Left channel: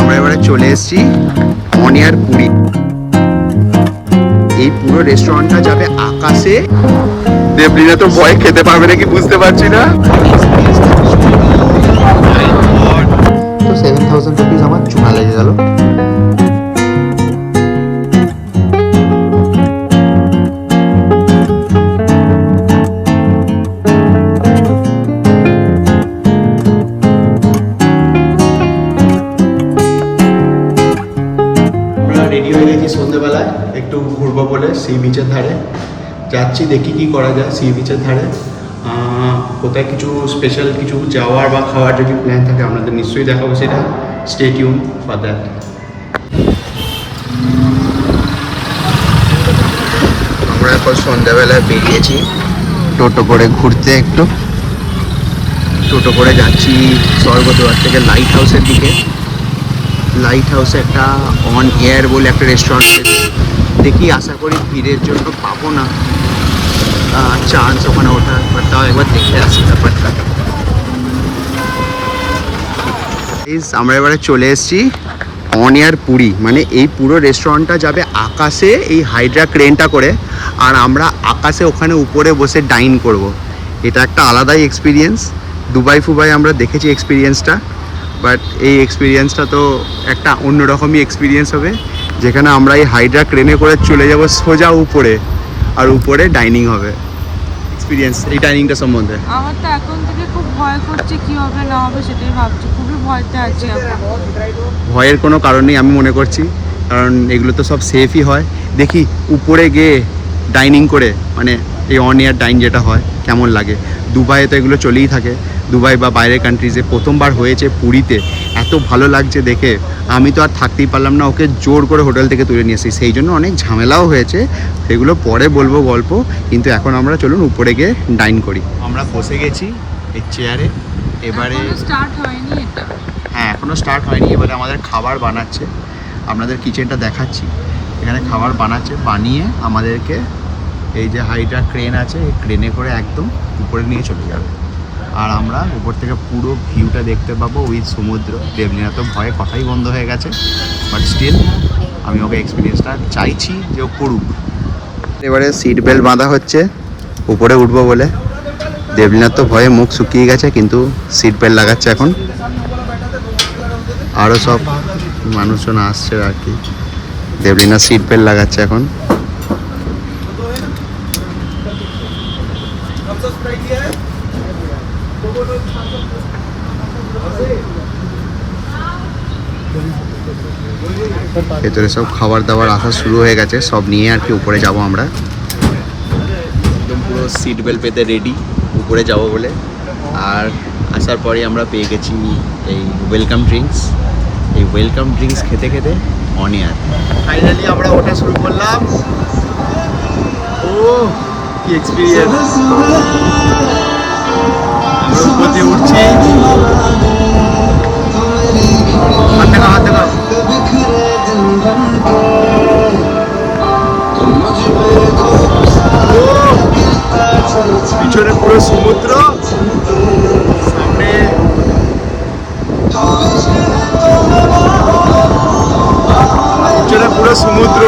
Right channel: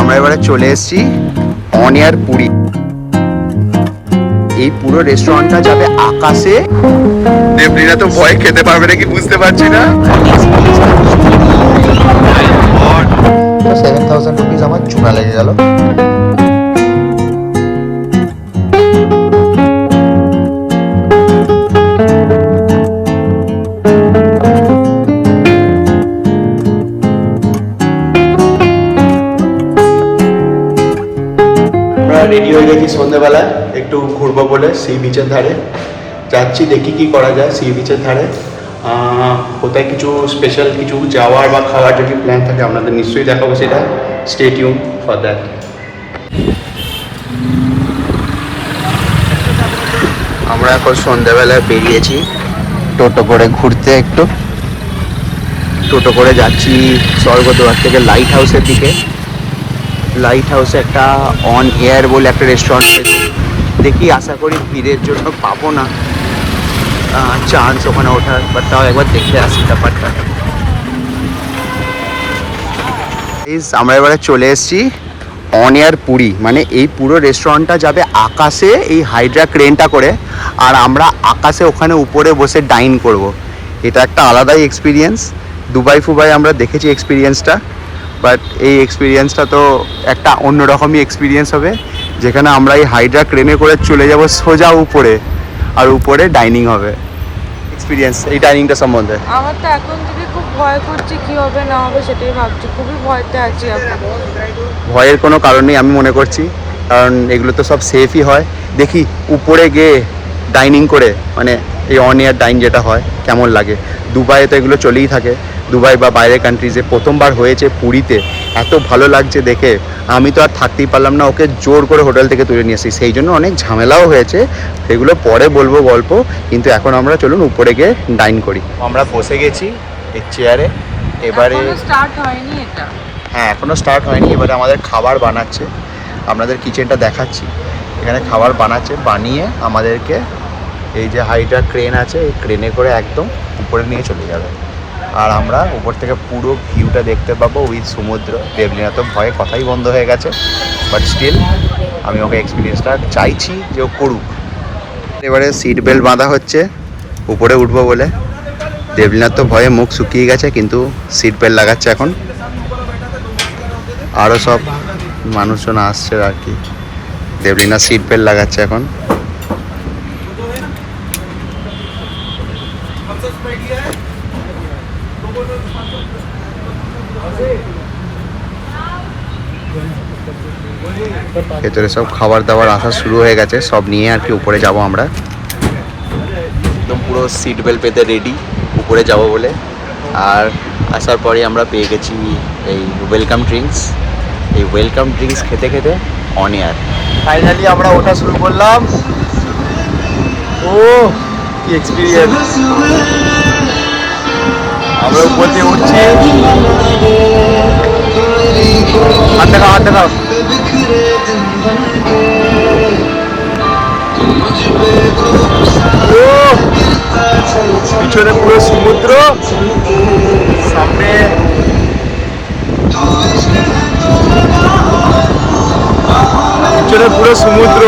আমরা এবারে চলে এসেছি অনিয়ার পুরী। এই পুরো রেস্টুরেন্টটা যাবে আকাশে। দেবলিনা তো ভয় খেতে পারবে নাকি বুঝতে পারছি না। তো 7,000 রুপিস আমার চুনা লেগে গেল। রেডি হয়ে গেছি সন্ধ্যেবেলায় একটু ঘুরবো বলে সি বিচের ধারে যাচ্ছি, দেখি কি করা যায় সি বিচের ধারে। কোথায় কিছু স্পেশাল কিছু যাওয়ার বা খাওয়ার যদি প্ল্যান থাকে আপনাদের নিশ্চয়ই দেখাবো, সেটা স্টে টিউন ফর দ্যাট। আমরা এখন সন্ধ্যেবেলায় বেরিয়েছি টোটো করে ঘুরতে, একটু টোটো করে যাচ্ছি স্বর্গদ্বার থেকে লাইট হাউসের দিকে। লাইট হাউসে একটা অন এয়ার বলে একটা রেস্টুরেন্ট, দেখি আশা করি ভিড়ের জন্য পাবো না চান্স ওখানে ওঠার, বাট তাও একবার দেখে আসি ব্যাপারটা। আমরা এবারে চলে এসেছি অন এয়ার পুরী, মানে এই পুরো রেস্টুরেন্টটা যাবে আকাশে এই হাইড্রা ক্রেনটা করে, আর আমরা আকাশে ওখানে উপরে বসে ডাইন করব। এটা একটা আলাদাই এক্সপিরিয়েন্স। দুবাই ফুবাই আমরা দেখেছি এক্সপিরিয়েন্সটা, বাট এই এক্সপিরিয়েন্সটা তো একটা অন্যরকমই এক্সপিরিয়েন্স হবে, যেখানে আমরা এই হাইড্রা ক্রেনে করে চলে যাব সোজা উপরে, আর উপরে ডাইনিং হবে। এক্সপিরিয়েন্স এই ডাইনিংটা সম্বন্ধে আমার তো এখন থেকে খুব ভয় করছে, কি হবে না হবে সেটাই ভাবছি, খুবই ভয়তে আছি এখন। ভয়ের কোনো কারণ নেই আমি মনে করছি, কারণ এগুলো তো সব সেফই হয়। দেখি উপরে গিয়ে ডাইনিং করে, মানে এই অন এয়ার ডাইন যেটা হয় কেমন লাগে। দুবাইয়ে তো এগুলো চলেই থাকে, দুবাই বা বাইরের কান্ট্রিজে। প্রথমবার হয়েছে পুরীতে, এত ভালো লাগছে দেখে আমি তো আর থাকতেই পারলাম না, ওকে জোর করে হোটেল থেকে তুলে নিয়ে এসেছি। সেই জন্য অনেক ঝামেলাও হয়েছে, সেগুলো পরে বলবো গল্প। কিন্তু এখন আমরা চলুন উপরে গিয়ে ডাইন করি। আমরা বসে গেছি এই চেয়ারে, এবারে স্টার্ট হয়নি এটা। হ্যাঁ এখনও স্টার্ট হয়নি। এবারে আমাদের খাবার বানাচ্ছে, আপনাদের কিচেনটা দেখাচ্ছি। এখানে খাবার বানাচ্ছে, বানিয়ে আমাদেরকে এই যে হাইড্রা ক্রেন আছে এই ক্রেনে করে একদম উপরে নিয়ে চলে যাবে, আর আমরা উপর থেকে পুরো ভিউটা দেখতে পাবো উইথ সমুদ্র। দেবলিনা তো ভয়ে কথাই বন্ধ হয়ে গেছে, বাট স্টিল আমি ওকে এক্সপিরিয়েন্সটা চাইছি যে ও করুক। এবারে সিট বেল্ট বাঁধা হচ্ছে উপরে উঠবো বলে। দেবলিনার তো ভয়ে মুখ শুকিয়ে গেছে, কিন্তু সিট বেল্ট লাগাচ্ছে এখন। আরও সব মানুষজন আসছে আর কি। দেবলিনা সিট বেল্ট লাগাচ্ছে এখন। ভেতরে সব খাবার দাবার আসা শুরু হয়ে গেছে, সব নিয়ে আর কি উপরে যাব আমরা। একদম পুরো সিট বেল্ট পেতে রেডি উপরে যাব বলে। আর আসার পরে আমরা পেয়ে গেছি এই ওয়েলকাম ড্রিঙ্কস। এই ওয়েলকাম ড্রিঙ্কস খেতে খেতে অন এয়ার ফাইনালি আমরা ওঠা শুরু করলাম। ও কি এক্সপিরিয়েন্স! আমরা উপর দিয়ে উঠছি। হাত দেখাও, হাত দেখাও। পিছনে পুরো সমুদ্র, সামনে পিছনে পুরো সমুদ্র।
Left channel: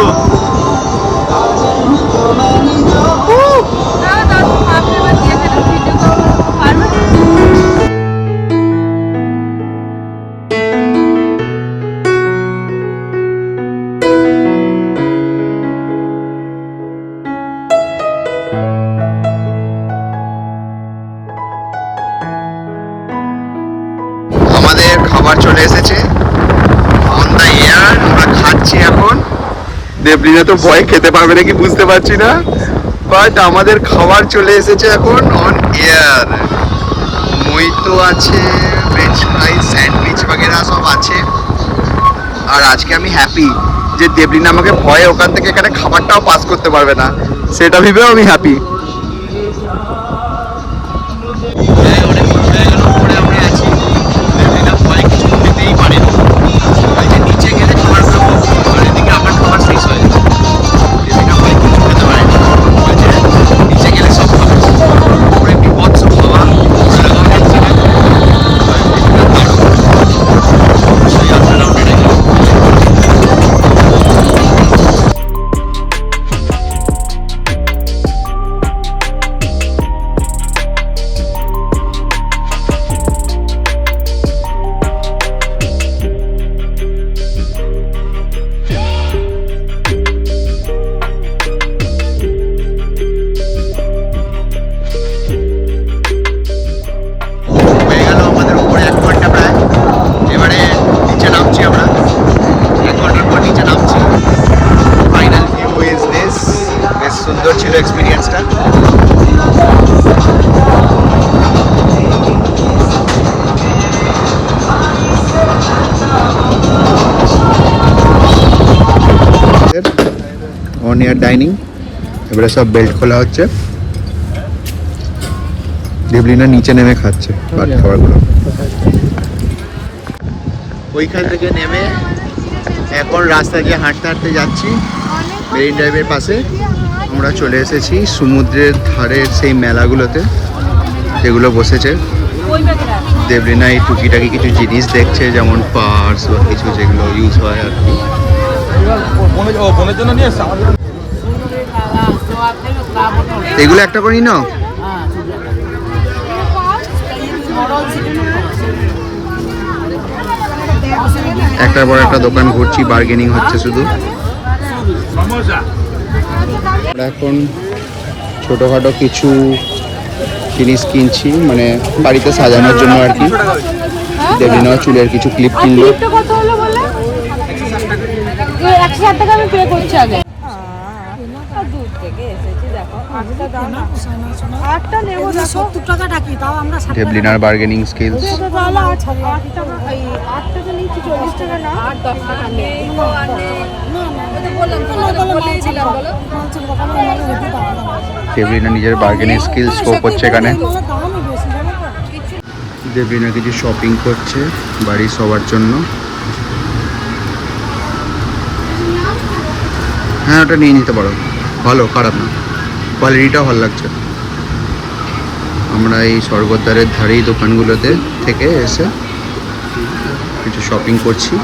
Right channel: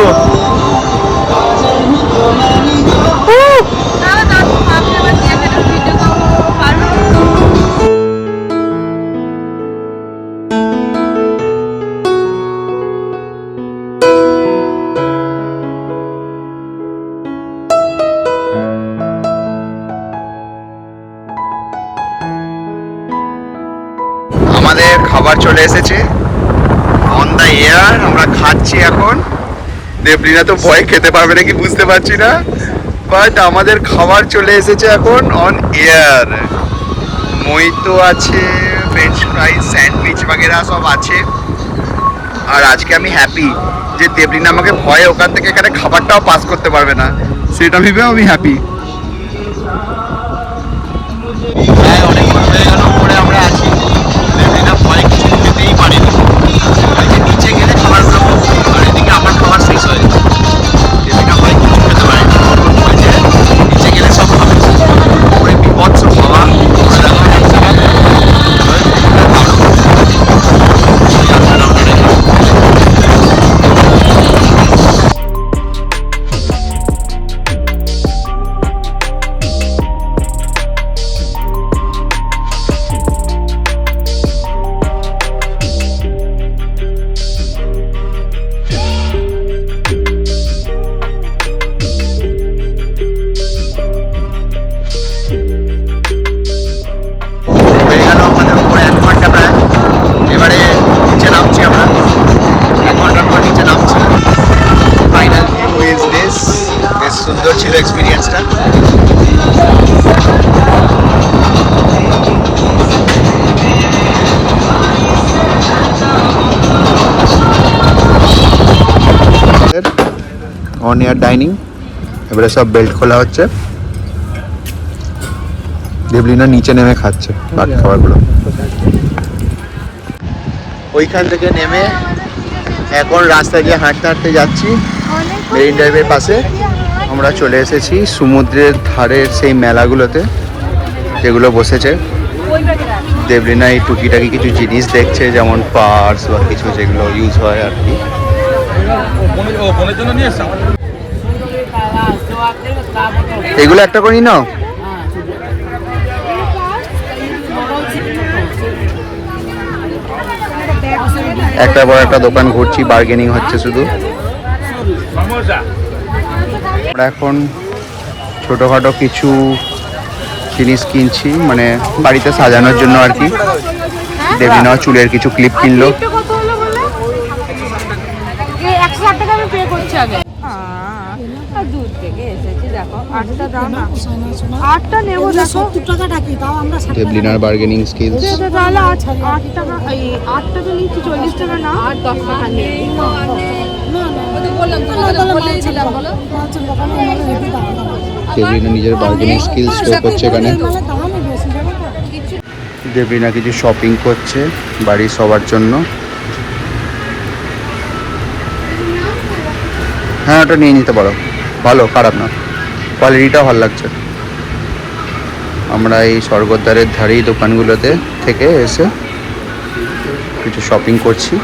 আমাদের খাবার চলে এসেছে অন দ্য এয়ার, আমরা খাচ্ছি এখন। দেবলিনা তো ভয় খেতে পারবে নাকি বুঝতে পারছি না, বাট আমাদের খাবার চলে এসেছে এখন অন এয়ার। মোহিতো আছে, ফ্রেঞ্চ ফ্রাইজ, স্যান্ডউইচ বাগেরা সব আছে। আর আজকে আমি হ্যাপি যে দেবলিনা আমাকে ভয়ে ওখান থেকে এখানে খাবারটাও পাস করতে পারবে না, সেটা ভেবেও আমি হ্যাপি। অনেক হয়ে গেল পরে আমরা আছি, ভয় কিছু খেতেই পারিনি। নিচে গেলে খাবারগুলো এদিকে আমার খাবার শেষ হয়ে যায়, এদিকে ভয় কিছু খেতে পারিনি। নিচে গেলে সব খাবো, পুরো বিপৎস খাওয়া করে রাখা অন এয়ার ডাইনিং। এবারে সব বেল্ট খোলা হচ্ছে, দেবলিনা নিচে নেমে খাচ্ছে বাকি খাবারগুলো। ওইখান থেকে নেমে এখন রাস্তা দিয়ে হাঁটতে হাঁটতে যাচ্ছি মেরিন ড্রাইভের পাশে। আমরা চলে এসেছি সমুদ্রের ধারের সেই মেলাগুলোতে যেগুলো বসেছে। দেবলিনা এই টুকিটাকি কিছু জিনিস দেখছে, যেমন পার্স বা কিছু যেগুলো ইউজ হয় আর কি। এগুলো একটা করে নাও। একটার পর একটা দোকান ঘুরছি, বার্গেনিং হচ্ছে শুধু। আমরা এখন ছোটোখাটো কিছু জিনিস কিনছি, মানে বাড়িতে সাজানোর জন্য আর কি। দেবলিনা চুলের কিছু ক্লিপ কিনলো। দেবলিনার বার্গেনিং স্কিলস। দেবলিনা নিজের বার্গেনিং স্কিলস শো করছে এখানে। দেবলিনা কিছু শপিং করছে বাড়ির সবার জন্য। হ্যাঁ, ওটা নিয়ে নিতে পারো, ভালো, খারাপ না, কোয়ালিটিটাও ভালো লাগছে। আমরা এই স্বর্গদ্বারের ধারেই দোকানগুলোতে থেকে এসে কিছু শপিং করছি।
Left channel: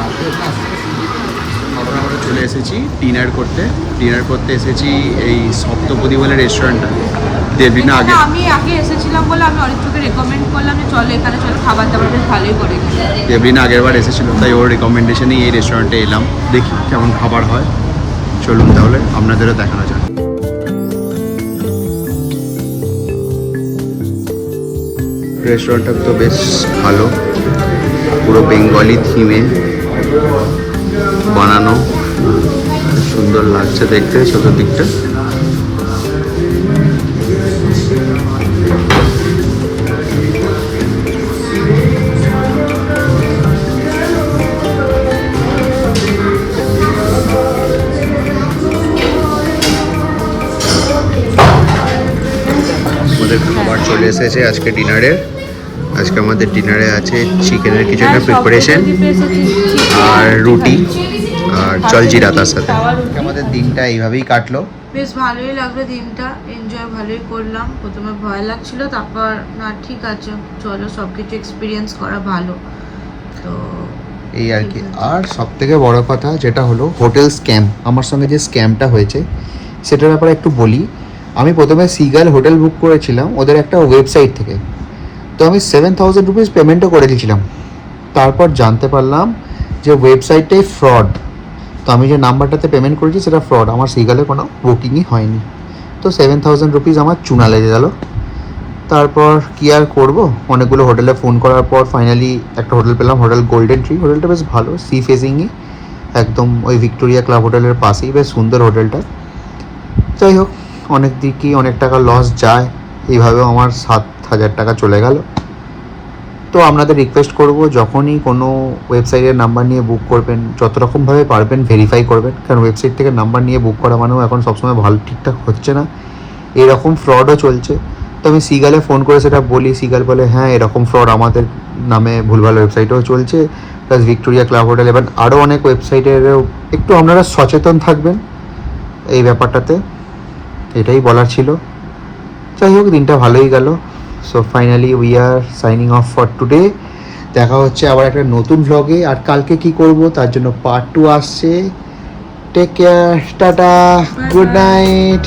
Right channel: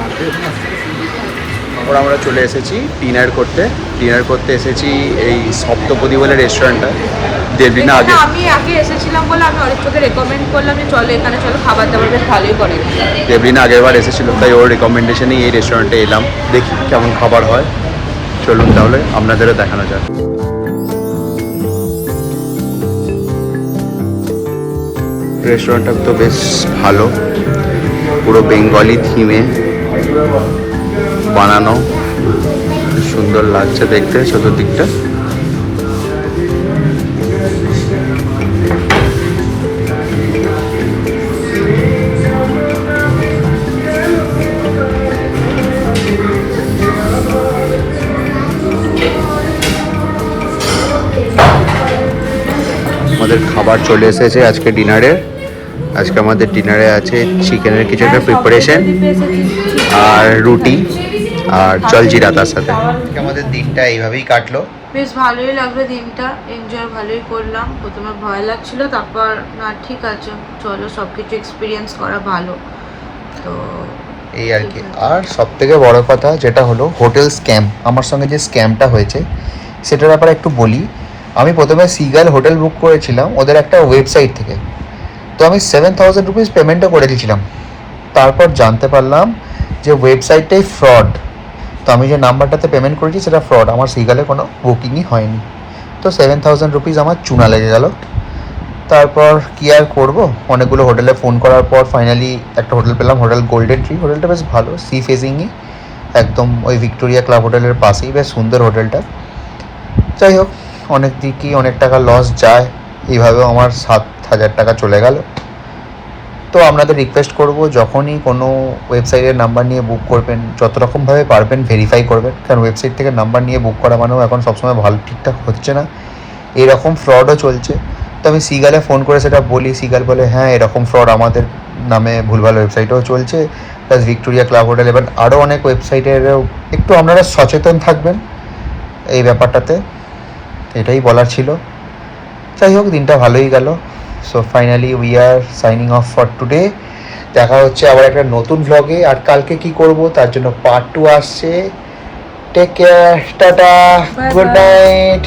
তারপর আমরা চলে এসেছি ডিনার করতে এসেছি এই সপ্তপদী বলে রেস্টুরেন্টটা। দেবলিনা আমি আগে এসেছিলাম বলে আমি অরিত্রকে রেকমেন্ড করলাম যে চলো এখানে, চলো খাবার দাবার বেশ ভালোই করে। দেবলিনা আগের বার এসেছিল, তাই ওর রেকমেন্ডেশনেই এই রেস্টুরেন্টে এলাম, দেখি কেমন খাবার হয়। চলুন তাহলে আপনাদেরও দেখানো যাক। রেস্টুরেন্টটা তো বেশ ভালো, পুরো বেঙ্গলি থিমে বানানো, সুন্দর লাগছে দেখতে চতুর্দিকটা। আমাদের খাবার চলে এসেছে আজকে ডিনারের। আজকে আমাদের ডিনারে আছে চিকেনের কিছু একটা প্রিপারেশন আর রুটি আর জলজিরা তার সাথে। আমাদের দিনটা এইভাবেই কাটলো, বেশ ভালোই লাগলো দিনটা, এনজয় ভালোই করলাম। প্রথমে ভয় লাগছিল, তারপর না ঠিক আছে, চলো সব কিছু এক্সপিরিয়েন্স করা ভালো। তো এই আর কি। আর সব থেকে বড় কথা যেটা হলো হোটেল স্ক্যাম, আমার সঙ্গে যে স্ক্যামটা হয়েছে সেটার ব্যাপারে একটু বলি। আমি প্রথমে সিগাল হোটেল বুক করেছিলাম ওদের একটা ওয়েবসাইট থেকে, তো আমি 7000 রুপিস পেমেন্টও করে দিয়েছিলাম। তারপর জানতে পারলাম যে ওয়েবসাইটটাই ফ্রড। তো আমি যে নাম্বারটাতে পেমেন্ট করেছি সেটা ফ্রড, আমার সিগালে কোনো বুকিংই হয়নি। তো 7000 রুপিস আমার চুনা লেগে গেল। তারপর কী আর করবো, অনেকগুলো হোটেলে ফোন করার পর ফাইনালি একটা হোটেল পেলাম, হোটেল গোল্ডেন ট্রি। হোটেলটা বেশ ভালো, সি ফেসিংই, একদম ওই ভিক্টোরিয়া ক্লাব হোটেলের পাশেই, বেশ সুন্দর হোটেলটা। যাই হোক, অনেক দিকই অনেক টাকা লস যায়, এইভাবেও আমার 7000 টাকা চলে গেল। তো আপনাদের রিকোয়েস্ট করব, যখনই কোনো ওয়েবসাইটের নাম্বার নিয়ে বুক করবেন যত রকমভাবে পারবেন ভেরিফাই করবেন, কারণ ওয়েবসাইট থেকে নাম্বার নিয়ে বুক করা মানেও এখন সবসময় ভালো ঠিকঠাক হচ্ছে না, এরকম ফ্রডও চলছে। তো আমি সিগালে ফোন করে সেটা বলি, সিগাল বলে হ্যাঁ এরকম ফ্রড আমাদের নামে ভুলভাল ওয়েবসাইটেও চলছে, প্লাস ভিক্টোরিয়া ক্লাব হোটেল এবং আরও অনেক ওয়েবসাইটেরও একটু আপনারা সচেতন থাকবেন এই ব্যাপারটাতে, এটাই বলার ছিল। যাই হোক, দিনটা ভালোই গেল। So finally we are signing off for today. দেখা হচ্ছে আবার একটা নতুন ভ্লগে। আর কালকে কি করব তার জন্য পার্ট 2 আসছে। Take care, tata, good night.